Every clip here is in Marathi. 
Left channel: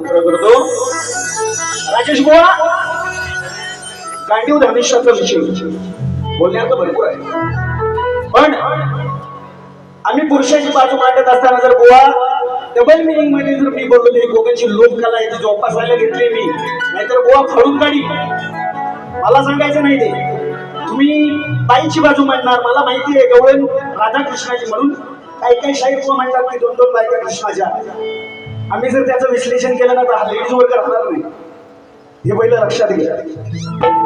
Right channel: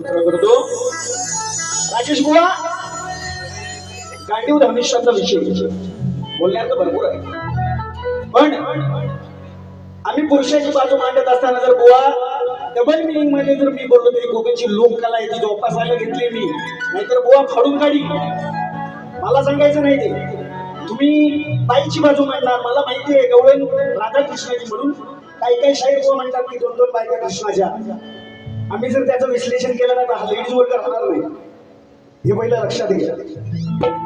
उत्तर करतो राजेश बुवा. गांडीव धनुष्याचा विषय. बोलण्यात भरपूर आहे. पण आम्ही पुरुषाची बाजू मांडत असताना जर बुवा डबल मिनिंगमध्ये जर मी बोललो तरी कोकणची लोककला आहे ती जोपासायला घेतली मी. नाहीतर बुवा फाडून काढी मला सांगायचं नाही ते. तुम्ही बाईची बाजू मांडणार मला माहिती आहे गवळण राधाकृष्णाची म्हणून. काही काही शाहीर बुवा म्हणतात नाही दोन दोन बायका कृष्णाच्या. आम्ही जर त्याचं विश्लेषण केलं ना तर हा लेडीज वर्ग राहणार नाही. हे पहिलं लक्षात घ्या.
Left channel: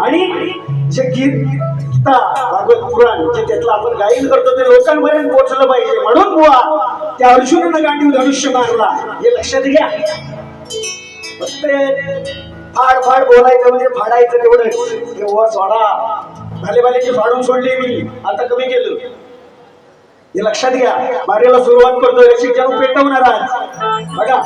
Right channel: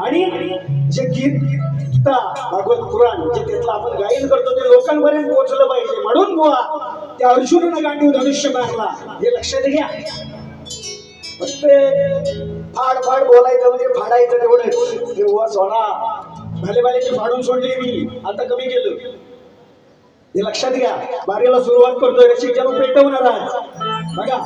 आणि जे गीत गीता भागवत पुराण जे त्यातलं आपण गायन करतो ते लोकांपर्यंत पोहोचलं पाहिजे. म्हणून बुवा त्या अर्जुनानं गांडीव धनुष्य मारला. हे लक्षात घ्या. फक्त फाड फाड बोलायचं म्हणजे फाडायचं तेवढं तेव्हा सोडा. भाले भालेची फाडून सोडली मी. आता कमी केलं. हे लक्षात घ्या. बारेला सुरुवात करतोय. रसिक पेटवणार आज. बघा.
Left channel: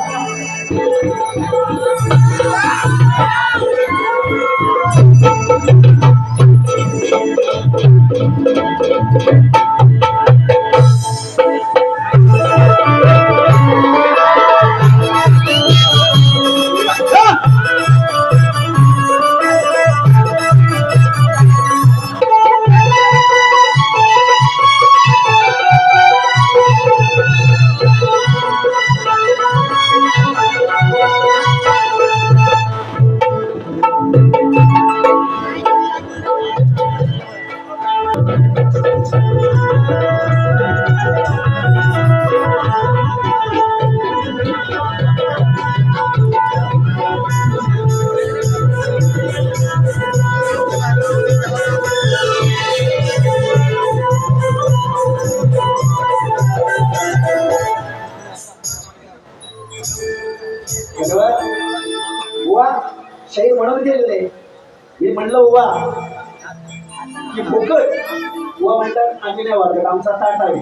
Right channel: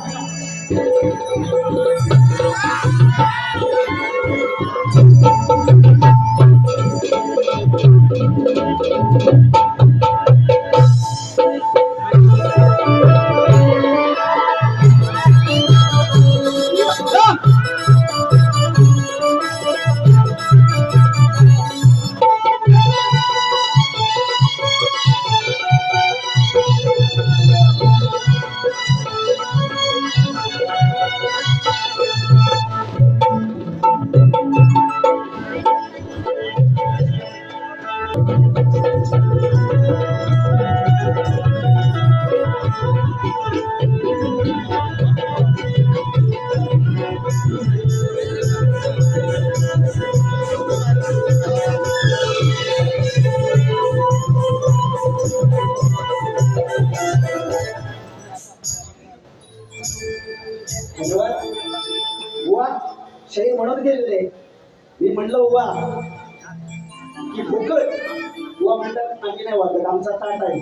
म्हणतात आमचा ताट आहे.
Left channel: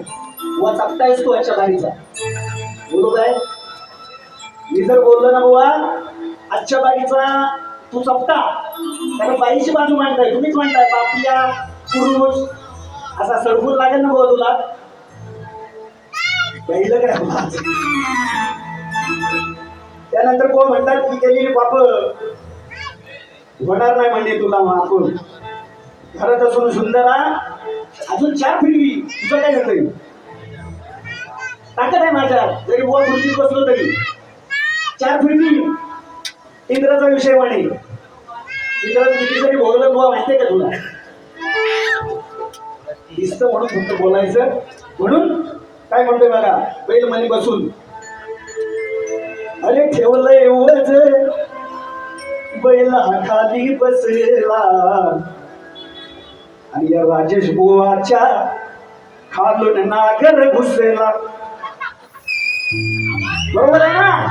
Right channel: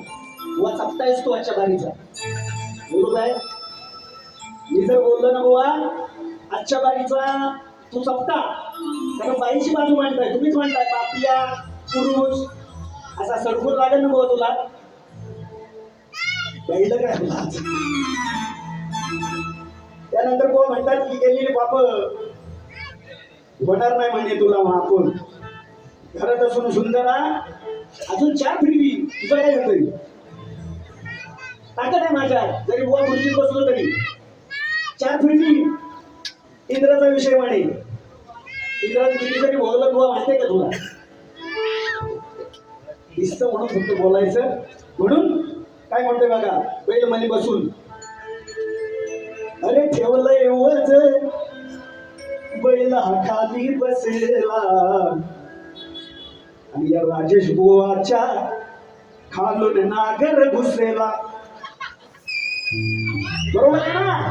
बुवा चपटायच तो याच्या बारीचा. बोलू काय मी जर बोललो ना बुवा आजच्या बारीचा तू चपटा कारण बाईची बाजू मांडताय तुम्हीच म्हणताय बापिया पुरुष असा सडकून लागेल ना बुवा तुला. पहिलं काय त्यानंतर कोण म्हणतात की गेलेली बाप? होणार नाही म्हणजे तुला मापून घरात असून सुंदरा अजून चार फिरवी तुझं काय होतंय? ताकद आहे माझ्या. जरी बुवा खुर्चीत बसलो तरी. चार फिरवी इंद्राचा विषय म्हणे इंद्रानं किती तरी भोगलं बुवा माहितीये का तुला? दिसत म्हणून फक्त बोलायचं. म्हणून काय म्हणतोय बघा बैल मनी बसून. अरे ठेवलंय वज बैल खाली बसला. आणि या राजेश बुवाच्या खालून नागर घुसलेला बरोबर आहे ना?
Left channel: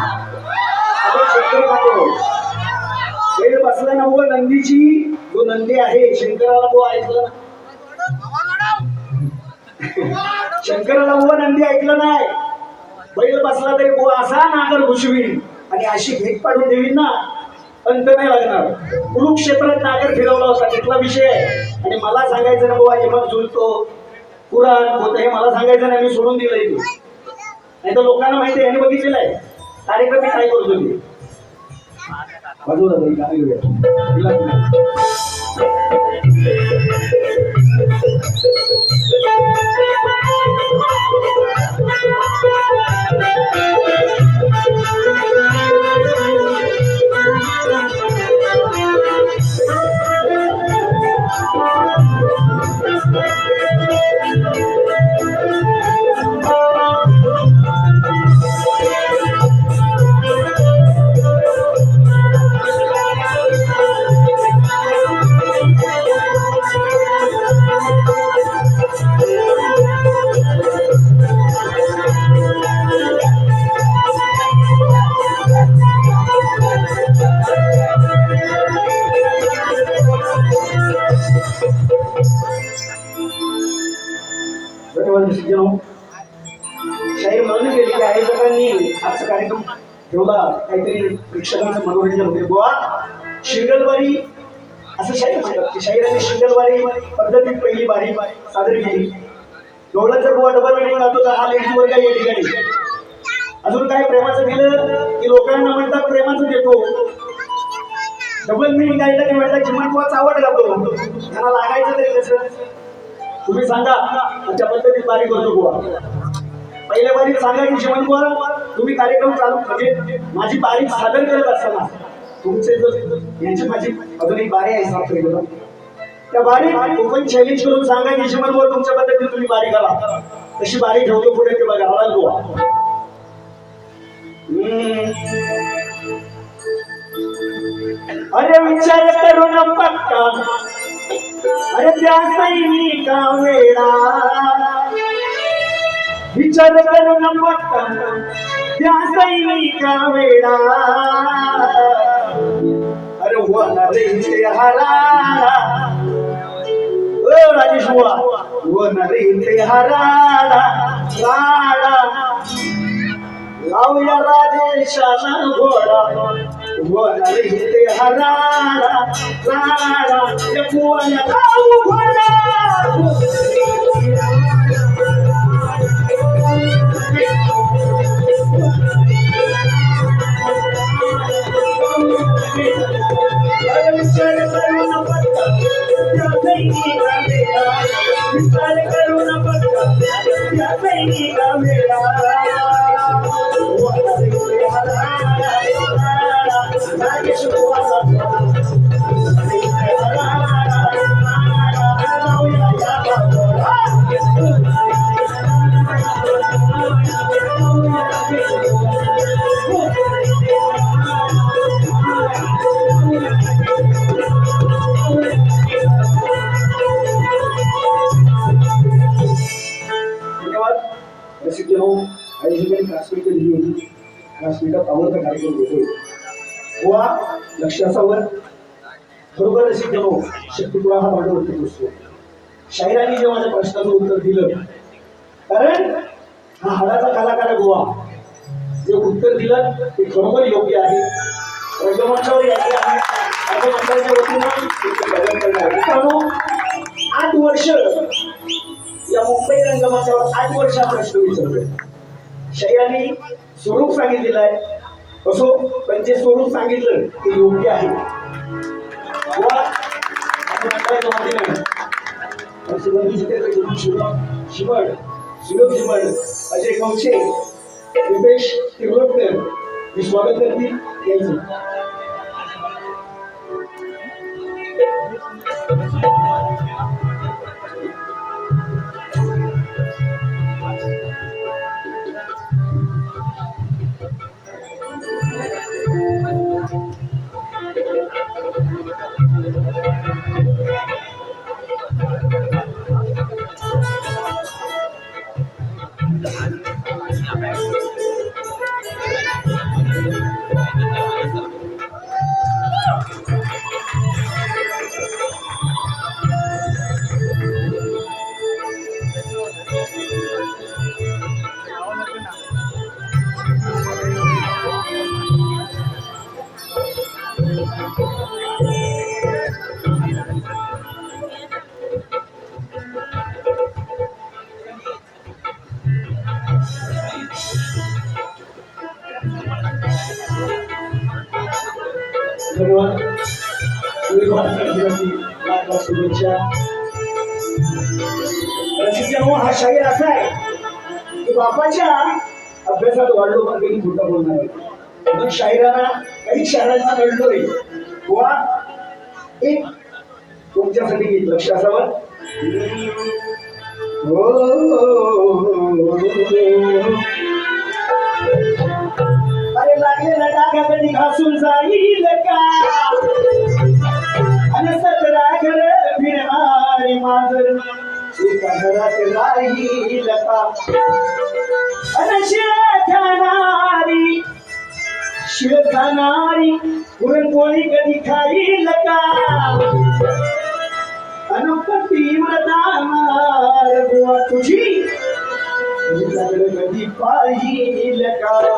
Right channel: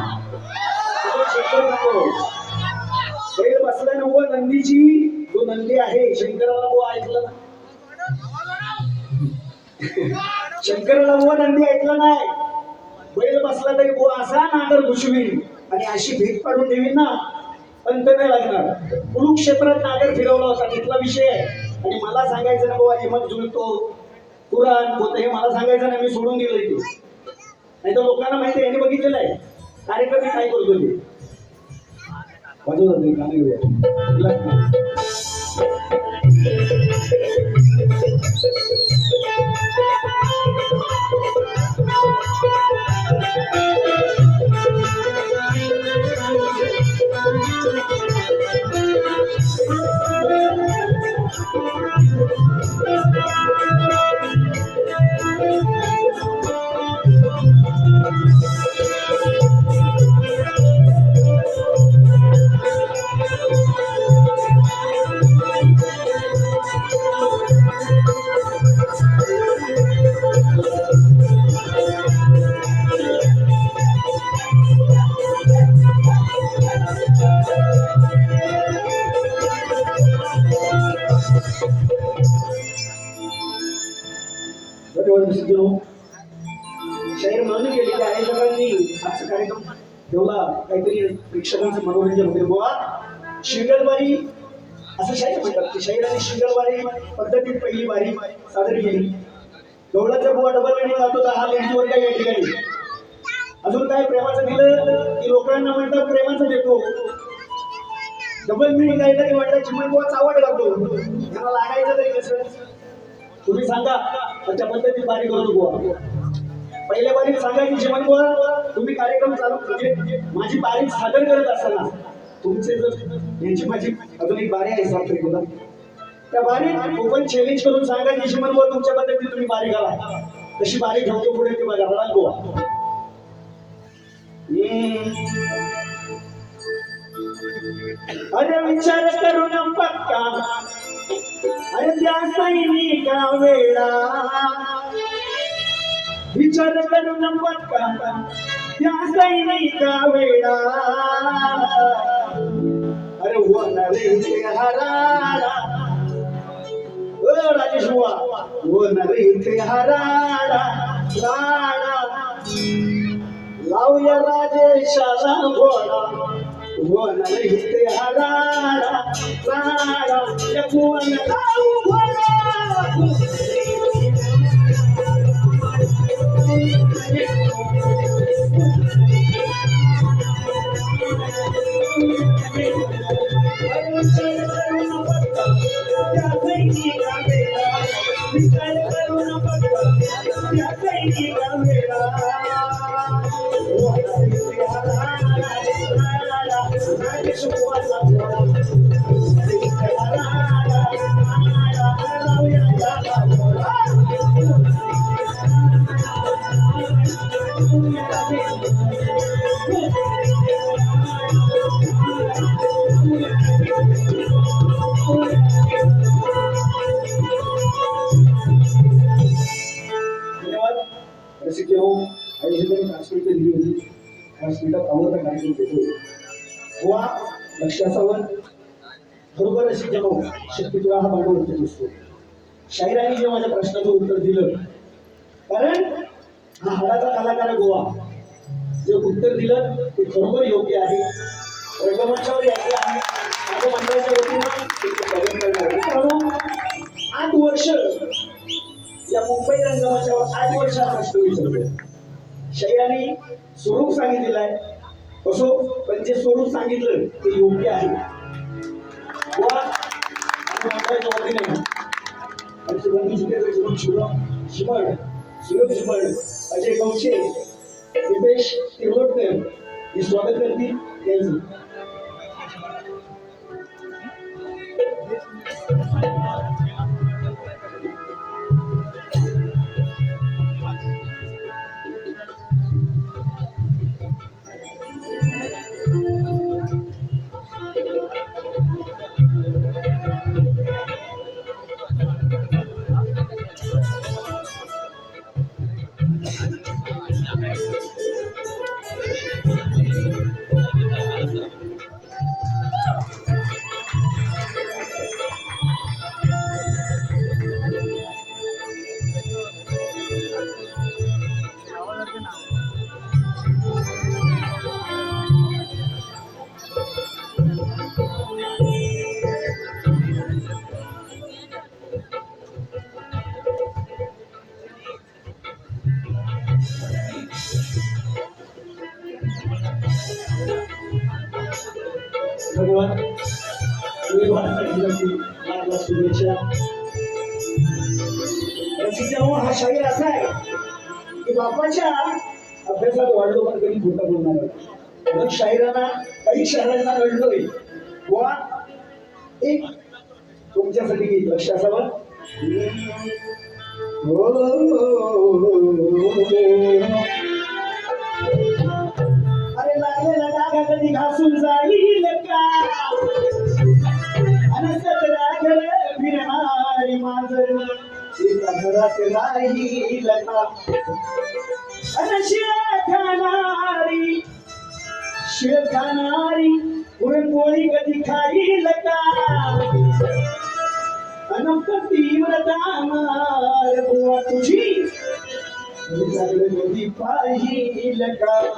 बैल बसला ना बुवा नंदीची. जो नंदी आहे. शंकराला बुवा ऐकलं ना? शंकराला बुवा नंदी ऐकलं नाही. बैल बसला तरी बुवा असा नागर घुसवीन. आणि अशी भेट पाडून देवीन ना. अंत नाही लागणार. कुरुक्षेत्रात नागर फिरवला होता. तिथला विषय आहे. आणि मला सांगायचं ना बाबा हे मग जुळतो पुराण होतं हे मला सांगायचं नाही मी सोडून दिलंय तू. नाही तर लोकांना माहिती आहे यांनी बघितलेलं आहे. कार्यक्रम मी काय करतो मी वाजवू दादा, गाणं घेऊया. आजचा कार्यक्रम ठेवला. काहीतरी प्रेक्षकांचं मनोरंजन होईल. बुवा शिंगलबारी असं शाहीर म्हणतात की शाहिराने शिंगलबारी पद्धतीत पहिली बारी सादर केली. गवळा जर बुवा डबल वेडिंग लागतो तर हा लेडीज वर्ग या ठिकाणी. अजून काय प्रेमाचं दिलं? की लोकांना म्हणतात प्रेमाचं देतो. डबल मिनिंग आहे काय म्हणतात चिमण बुवा चावट घालतो त्यांना लागायचं तरी कसं तुम्ही सांगा त्या पद्धतीत बारी करतो बुवा? पहिल्या बारीत सांगा की चिमण तुम्ही कार्यक्रम चालू म्हणजे माझी बारीक सादर करत असताना तुमचे जर यांची माझी अजून एक बारी आहे सांगतो त्या बारी ओपन चॅलेंज करून सांगा की चिमण तुमच्या पद्धतीने तुम्ही बारी करा. तशी बारी ठेवतो पुढे ते बघा हवाल गोवा हम्म. अरे विचार करून पक्का. अरे त्या सैनिका वेळा विचार करून पक्का त्या सैनिका वेळा अरे होणार रे हरारा ओ राजेश बुवा होणार रे हरारा राडा लावूया राजेशाला घोडा होणार इथे हरारा राडा या कुवाला लावू घोडा रसिक हो काही ठिकाणी काश्मीरकडे लिहून काश्मीरात आवडता कार्यक्रम घेतोय गोवा लक्षासावर बरोबर रसिक हो शक्ती तुला हा भागवरती असतो शाहिरांनी जे माझ्या प्रश्नाचं उत्तर दिलं कारण हा हाडाचा कलाकार आहे गोवा. जे उत्तर दिलं ते खरोखर योग्य आहे. रंगमंचावर यायचे आहे. सांगितलं ते योग्य आहे. शिमड सुयोग शिमड अजय कवशे दिपेश तिरोडकर स्वागत करतील यायचं असं आहे की बापाच्या अभ्यासात वाढलो पण कधी खोटं बोलणार नाही. म्हणून शाहिरांना काही शहरांना घडलोय बुवा एक तुमच्यासाठी गीत लक्ष असावं. हो, अरे लागलेला डागा कधी घासून जाईल का? आणि सतरा घर फिरणारी मांजर. एका राहील का आणि शिळ पुरणपोळी कधी खाईल का अनपती मदामार बुवा तुझी. तुझ्याकडे कधी पाहिल का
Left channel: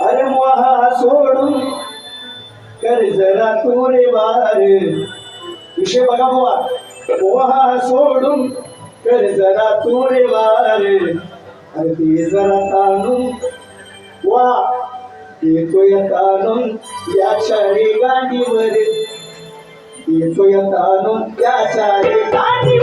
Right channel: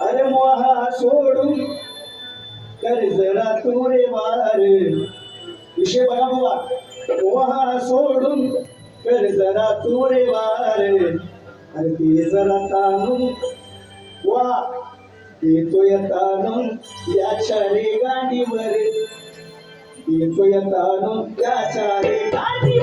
अरे मोहा सोडून कर जरा तू रे वार विषय बघा बुवा पोहा सोडून कर जरा थोडे वार अरे ते जरा ताणून वा येतोय ताणून या चारी गांडीवर येतोय ताणून या चारी गांडीवर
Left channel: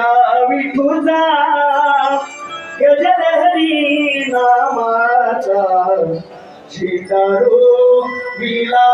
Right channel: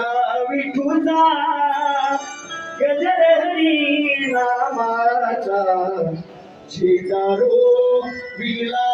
या विठूचा गजर हरी नामाचा. शिकारो विला